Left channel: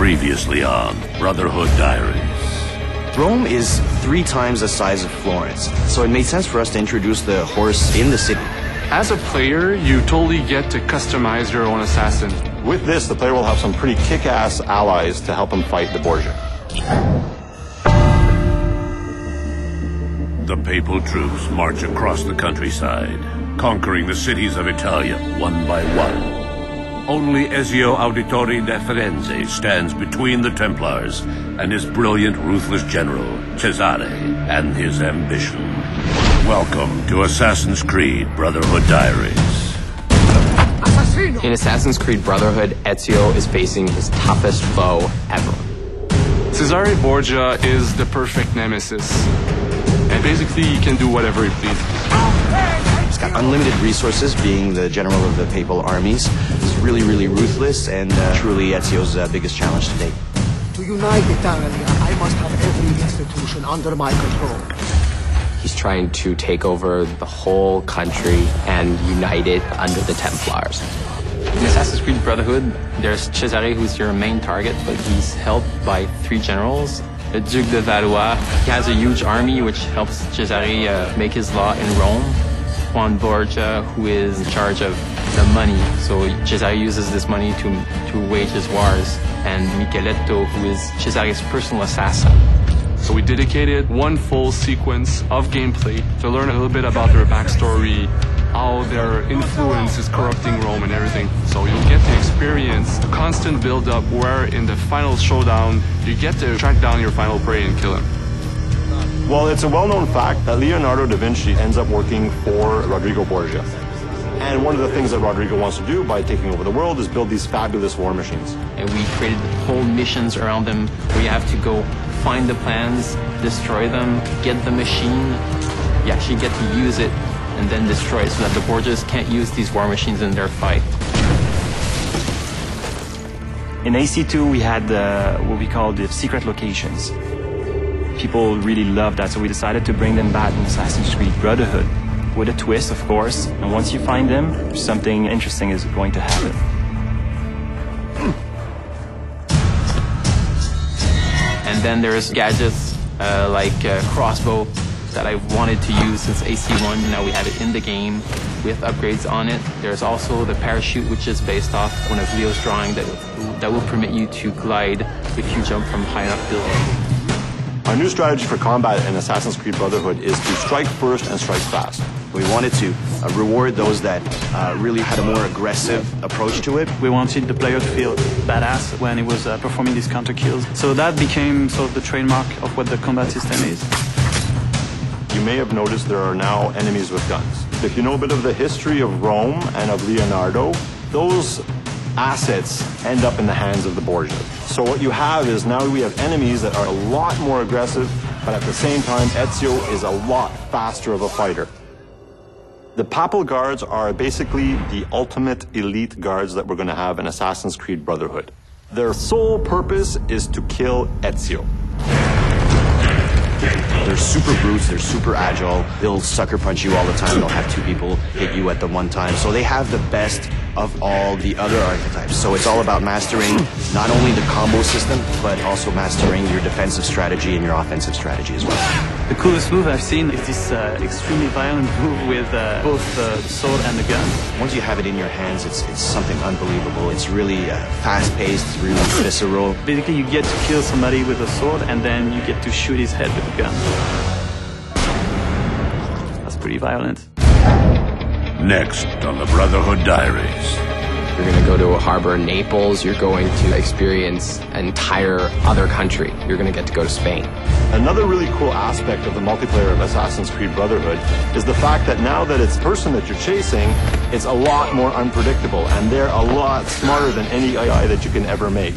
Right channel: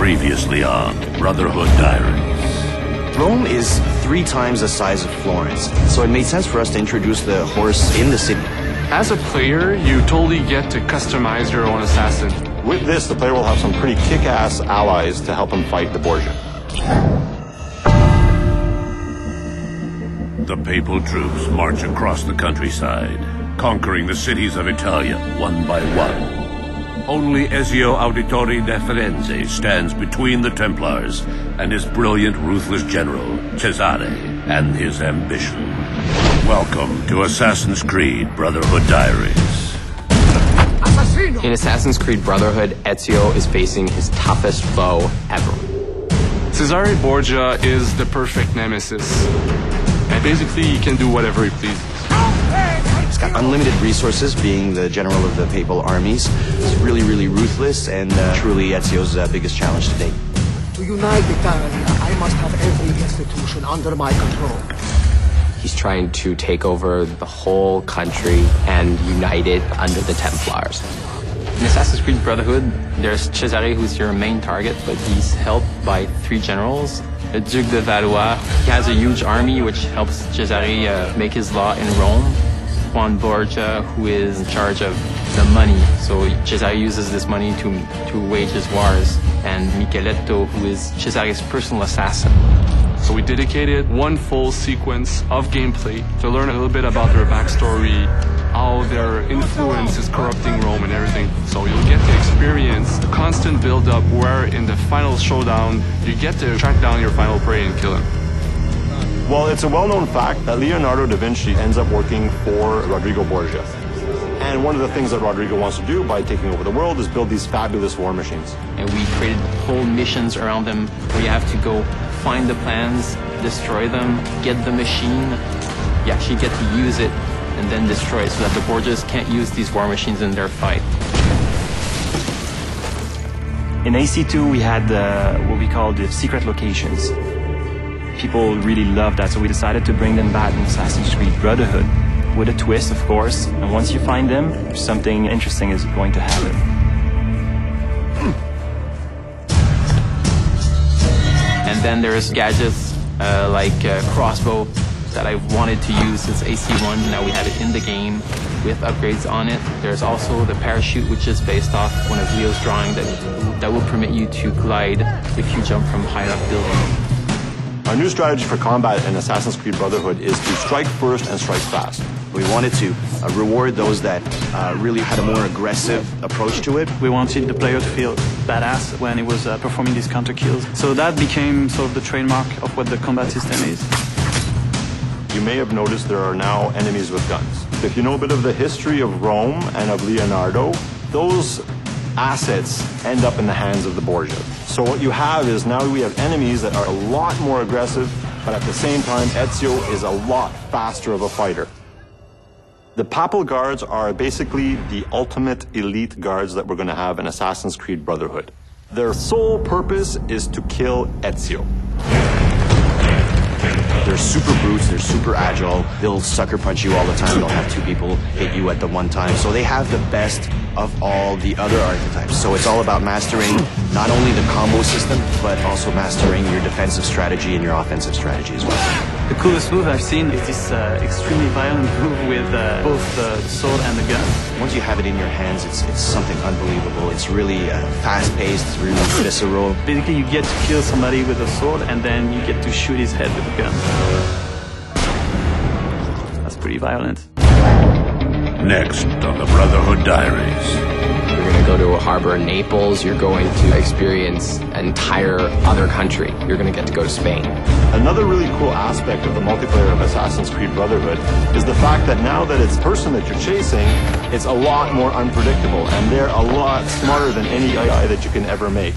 Previously on Brotherhood Diaries. Rome is 3 times the size of Florence, so it made sense for us to introduce the horse in the city. As a player, you totally get to customize your own assassin. With this, the player will have some pretty kick-ass allies to help him fight the Borgia. The papal troops march across the countryside, conquering the cities of Italia one by one. Only Ezio Auditore da Firenze stands between the Templars and his brilliant, ruthless general, Cesare, and his ambition. Welcome to Assassin's Creed Brotherhood Diaries. In Assassin's Creed Brotherhood, Ezio is facing his toughest foe ever. Cesare Borgia is the perfect nemesis. And basically, he can do whatever he pleases. He's got unlimited resources, being the general of the papal armies. He's really, really ruthless, and truly Ezio's biggest challenge to date. To unite Italia, I must have every institution under my control. He's trying to take over the whole country and unite it under the Templars. In Assassin's Creed Brotherhood, there's Cesare, who's your main target, but he's helped by 3 generals. The Duke de Valois, he has a huge army which helps Cesare make his law in Rome. Juan Borgia, who is in charge of the money, so Cesare uses this money to wage his wars. And Micheletto, who is Cesare's personal assassin. So we dedicated one full sequence of gameplay to learn a little bit about their backstory, how their influence is corrupting Rome and everything. So you'll get to experience the constant build-up where in the final showdown, you get to track down your final prey and kill him. Well, it's a well-known fact that Leonardo da Vinci ends up working for Rodrigo Borgia. And one of the things that Rodrigo wants to do by taking over the world is build these fabulous war machines. And we created whole missions around them where you have to go find the plans, destroy them, get the machine. You actually get to use it and then destroy it so that the Borgias can't use these war machines in their fight. In AC2, we had what we call the secret locations. People really loved that, so we decided to bring them back in Assassin's Creed Brotherhood. With a twist, of course, and once you find them, something interesting is going to happen. And then there's gadgets like crossbow that I wanted to use since AC1. Now we have it in the game with upgrades on it. There's also the parachute, which is based off one of Leo's drawing that will permit you to glide if you jump from high enough building. Our new strategy for combat in Assassin's Creed Brotherhood is to strike first and strike fast. We wanted to reward those that really had a more aggressive approach to it. We wanted the player to feel badass when he was performing these counter kills. So that became sort of the trademark of what the combat system is. You may have noticed there are now enemies with guns. If you know a bit of the history of Rome and of Leonardo, those assets end up in the hands of the Borgia. So what you have is now we have enemies that are a lot more aggressive, but at the same time, Ezio is a lot faster of a fighter. The Papal Guards are basically the ultimate elite guards that we're going to have in Assassin's Creed Brotherhood. Their sole purpose is to kill Ezio. They're super brutes, they're super agile, they'll sucker punch you all the time, they'll have 2 people hit you at the one time. So they have the best of all the other archetypes. So it's all about mastering not only the combo system, but also mastering your defensive strategy and your offensive strategy as well. The coolest move I've seen is this extremely violent move with both the sword and the gun. Once you have it in your hands, it's something unbelievable. It's really fast-paced, it's really visceral. Basically, you get to kill somebody with a sword, and then you get to shoot his head with a gun. That's pretty violent. Next on the Brotherhood Diaries. You're going to go to a harbor in Naples. You're going to experience an entire other country. You're going to get to go to Spain. Another really cool aspect of the multiplayer of Assassin's Creed Brotherhood is the fact that now that it's the person that you're chasing, it's a lot more unpredictable, and they're a lot smarter than any AI that you can ever make.